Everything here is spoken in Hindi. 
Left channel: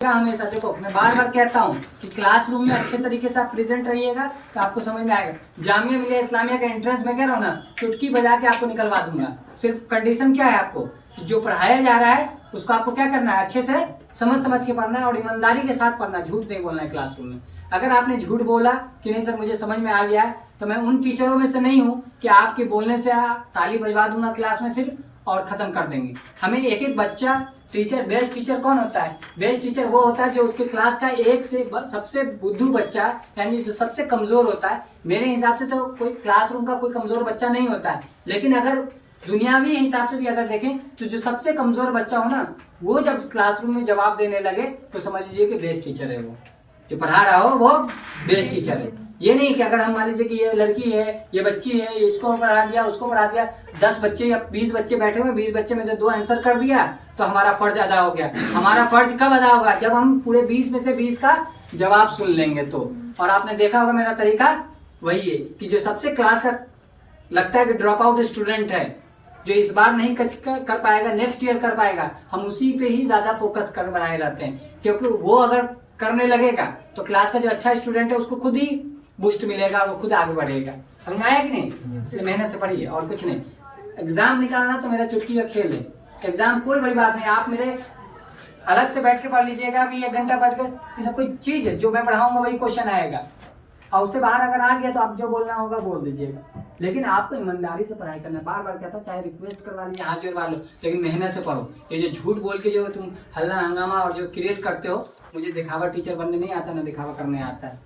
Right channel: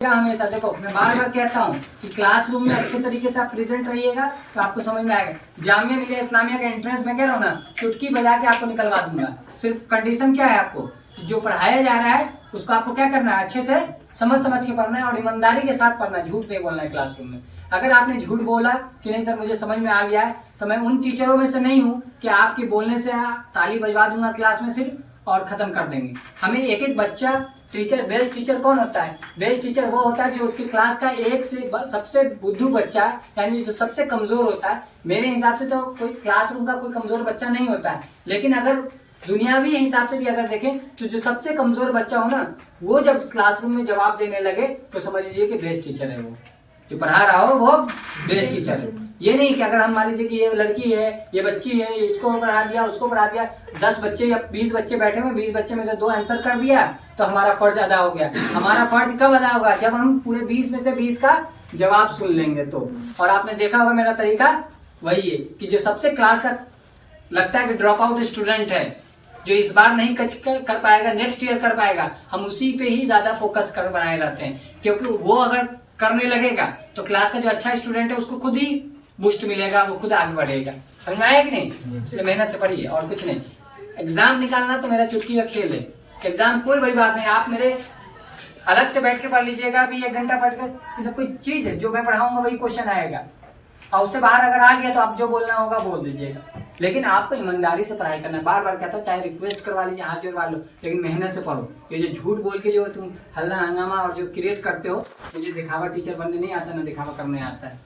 हमेशा देखो, मैं बार बार कहता हूँ कि क्लासरूम में अच्छे तरीके से आप प्रेजेंट रहिएगा तो आपको समझ में आएगा। जामिया मिलिया इस्लामिया का एंट्रेंस में कह रहा हूँ ना, चुटकी बजा के आपको निकलवा दूंगा। सिर्फ कंडीशन क्या है आपको कि जो पढ़ाया जा रहा है उसको आपको क्या करना है, अच्छे से समझ के पढ़ना है और ईमानदारी के साथ पढ़ना है। झूठ नहीं बोलना है क्लासरूम में। अगर आपने झूठ बोला कि नहीं सर मुझे समझ में आ गया है, तो मैं उन टीचरों में से नहीं हूँ कि आपके बोलने से ताली बजवा दूंगा क्लास में सिर्फ और खत्म कर देंगे। हमें एक एक बच्चा टीचर, बेस्ट टीचर कौन होता है? बेस्ट टीचर वो होता है जो उसके क्लास का एक से सबसे बुद्धू बच्चा, यानी जो सबसे कमजोर होता है। मेरे हिसाब से तो कोई क्लासरूम का कोई कमजोर बच्चा नहीं होता है, लेकिन अगर दुनियावी हिसाब से भी अगर देखें तो जो सबसे कमजोर बच्चा हो ना, वो जब क्लासरूम में जवाब देने लगे तो समझ लीजिए कि बेस्ट टीचर है। वो जो पढ़ा रहा हो वो बेस्ट टीचर है। ये नहीं कि अगर हम मान लीजिए कि ये लड़की है, ये बच्ची है, इसको पढ़ा दिया, उसको पढ़ा दिया, 10 बच्चे या 20 बच्चे बैठे हुए, 20 बच्चे में से 2 आंसर कर दिया तो हमारा फर्ज अदा हो गया। हमारा फर्ज कब अदा होगा? जब हम पूरे 20 में से 20 का जवाब सुन लेंगे तो। और आपने देखा होगा मेरा तरीका वही है कि जो सबसे क्लास का लगता है कि ड्रॉप आउट स्टूडेंट है, जो इस बार नहीं कर पाएगा, नेक्स्ट ईयर कर पाएगा, हम उसी पे ही ज्यादा फोकस कर बनाए रहते हैं। क्योंकि वो अगर करने लगेगा तो क्लास का जो अच्छा स्टूडेंट है उसको खुद ही बूस्ट मिलेगा, वो खुद आगे बढ़ेगा। समझ में आया कि नहीं? इसलिए मेहनत से पढ़िए और कुछ नहीं। एग्जाम निकालना तो मेरा चुटकी का खेल है। एग्जाम कोई बड़ी बात नहीं, आप मेरे अलग से बैठ के पढ़ लीजिएगा। अभी 1 घंटा बैठ कर, ये सब कोई चीज है, जो मैं पढ़ाऊंगा वही क्वेश्चन आएगा और उससे बाहर अगर आ गया तो आप जो बोलना होगा बोल दीजिएगा। लेकिन आपको ईमानदारी से पढ़ाई करना है। बार बार कहता हूँ, चाहे रिक्वेस्ट करवा लीजिए, हाथ जोड़वा लो, लेकिन मेहनत से पढ़ो। ये जो झूठ बोल के जो तुम हल्ला हंगामा और जो क्रिएट करते हो, मुझे दिखावा टीचर बनने नहीं आता, ना दिखावा करने आता है।